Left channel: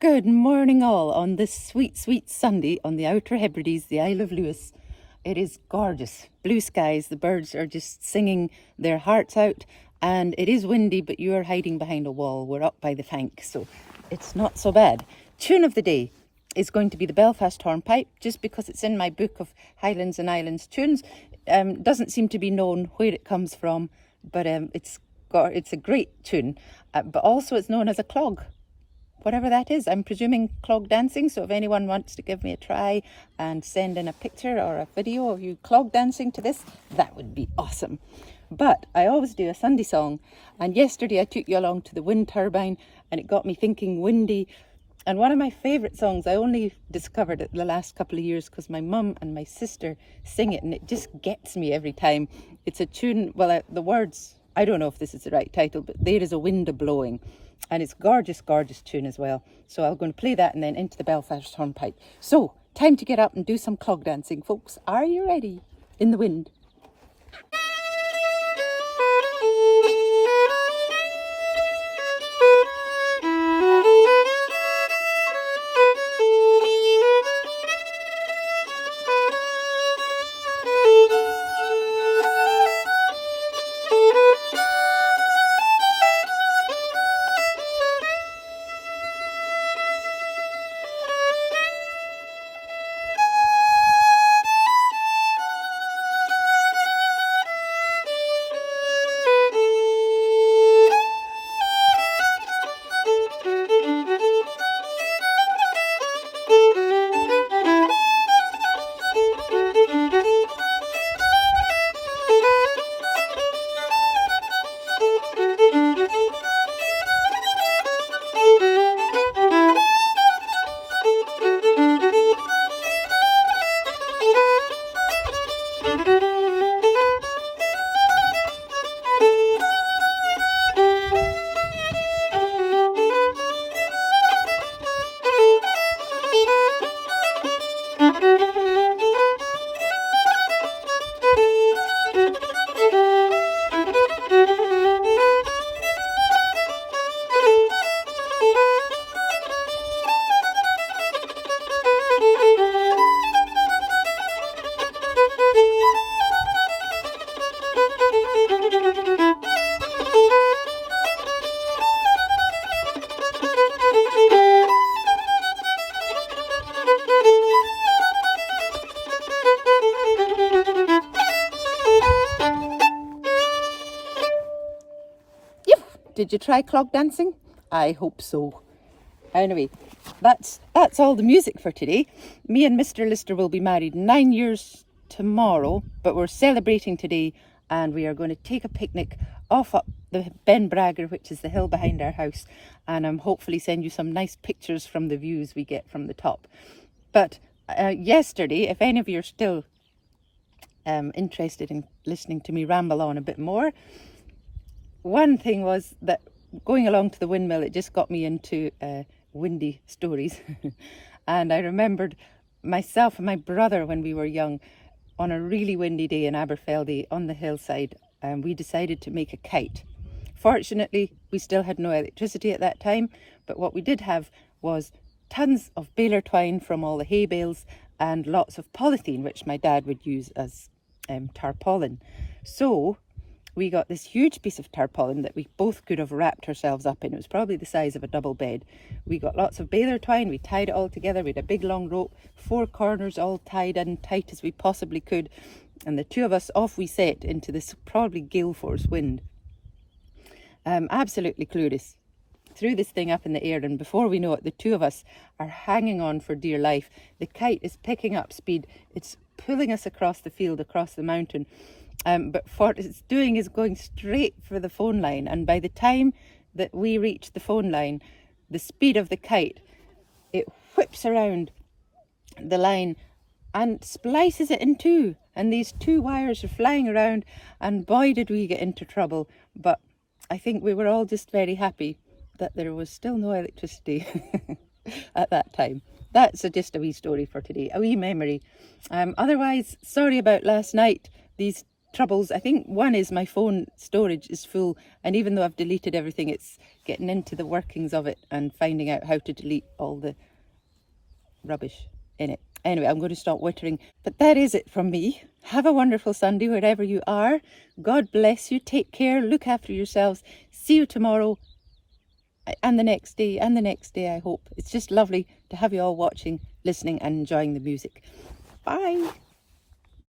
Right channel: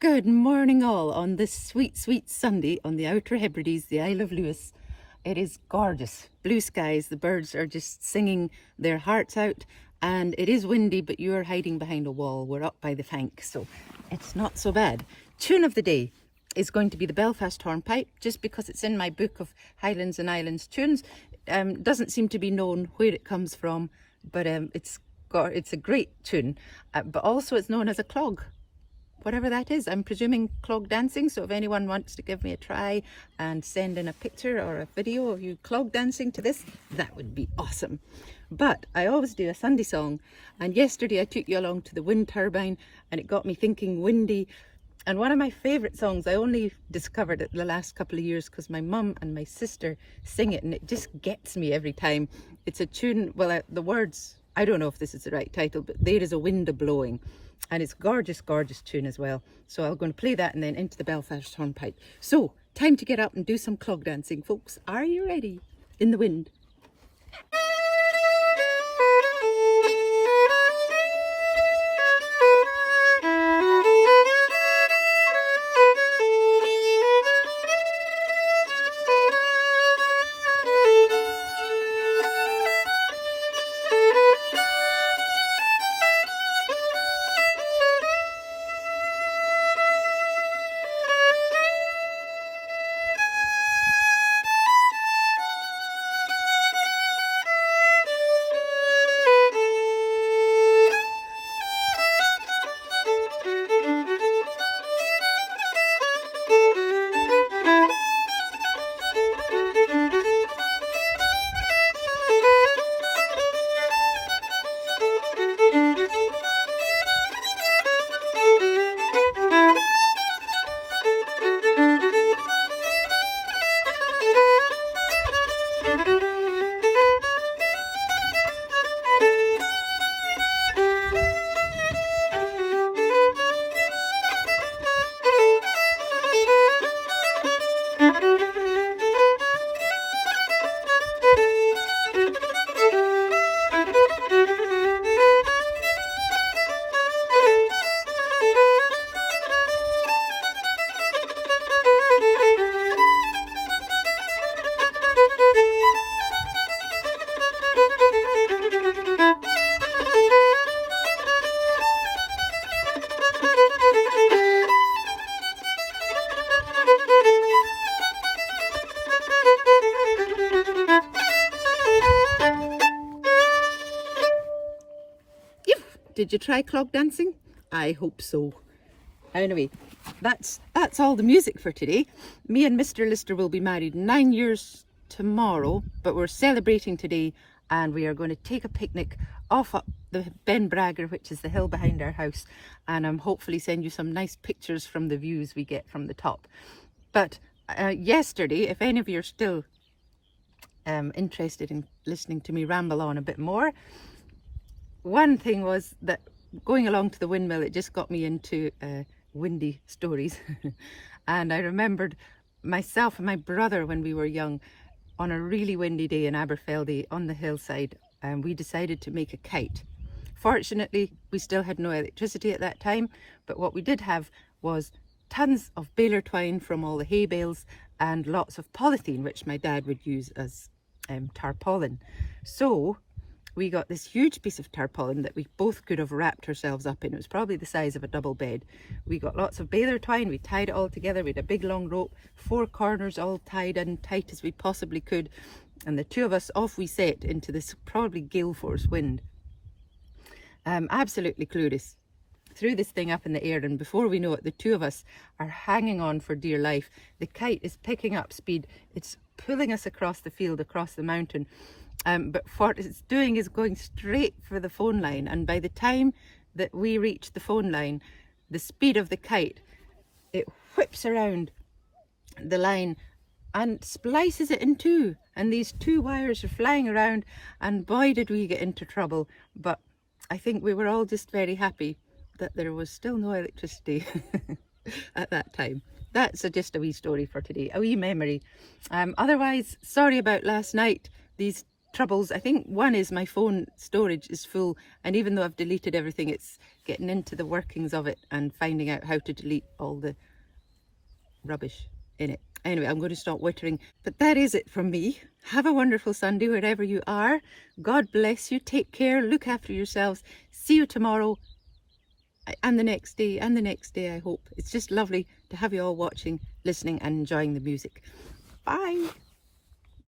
Good morning all on this sweet, sweet Sunday on the Outer Hebrides, the Isle of Lewis. It is gorgeous. Blue skies, the birds are just singing their hearts out, and it is windy, but you are hiding behind a wall. We're up by the Fank, so it's not so bad. Tune of the day is going to be the Belfast Hornpipe, just because it's in my book of Highlands and Islands tunes. Doesn't seem to be known where it comes from, but it's a great tune, but also it's known as a clog. Whatever that is, I'm presuming clog dancing, so if anyone wants to give me a try and send in a picture or a video of you clog dancing to this, that would be awesome. But I always do a Sunday song, and yesterday I took you along to the wind turbine and it got me thinking windy. And one of my favourite songs, I only discovered it the last couple of years because my mum and my sister sing it, and it just gets me every time. It's a tune, well, the words, I don't know if this is the right title, but There Is a Wind A-Blowing. And it's gorgeous, gorgeous tune as well. So I'm going to play that and then into the Belfast Hornpipe. So, time to get up and do some clog dancing, folks. Are you ready? In the wind. Did you try clog dancing? I hope so. Anyway, that's all the music for today. Me and Mr. Lister will be married 9 years tomorrow, but we're celebrating today, and we are going to take a picnic off up the Ben Bragger, which is the hill behind our house, and hopefully send you some nice pictures from the views we get from the top. But yesterday, if any of you are still interested in listening to me ramble on a bit more, one thing was that going along to the windmill, it just got me into windy stories. And I remembered myself and my brother when we were young, on a really windy day in Aberfeldy on the hillside, and we decided to make a kite. Fortunately, we still had no electricity at that time, but what we did have was tons of baler twine from all the hay bales and lots of polythene, which my dad would use as tarpaulin. So we got this huge piece of tarpaulin that we both could have wrapped ourselves up in. It was probably the size of a double bed. We got lots of baler twine, we tied it all together, we had a big long rope, 4 corners all tied in tight as we possibly could, and the two of us, off we set into this probably gale force wind. Absolutely clueless. Threw this thing up in the air, and before we know it, the two of us are hanging on for dear life. The kite is picking up speed, it's pulling us across the field, across the mountain. But what it's doing is going straight for the phone line, and by the time that we reach the phone line, the speed of the kite, it whips around the line and splices it in two, and these 2 wires are flying around, and boy did we get into trouble. But I think we were all just very happy that there was still no electricity at that time. That's just a wee story for today, a wee memory. Otherwise, sorry about last night. These troubles, I think one is my phone storage is full, and even though I've deleted everything, it's getting into the workings of it and finding out how to delete all the rubbish in it. Anyway, I'm going to stop wittering, but that is it from me. Have a wonderful Sunday wherever you are. God bless you. Take care. Look after yourselves. See you tomorrow and the next day and the next day, I hope. It's just lovely to have you all watching, listening and enjoying the music. Bye.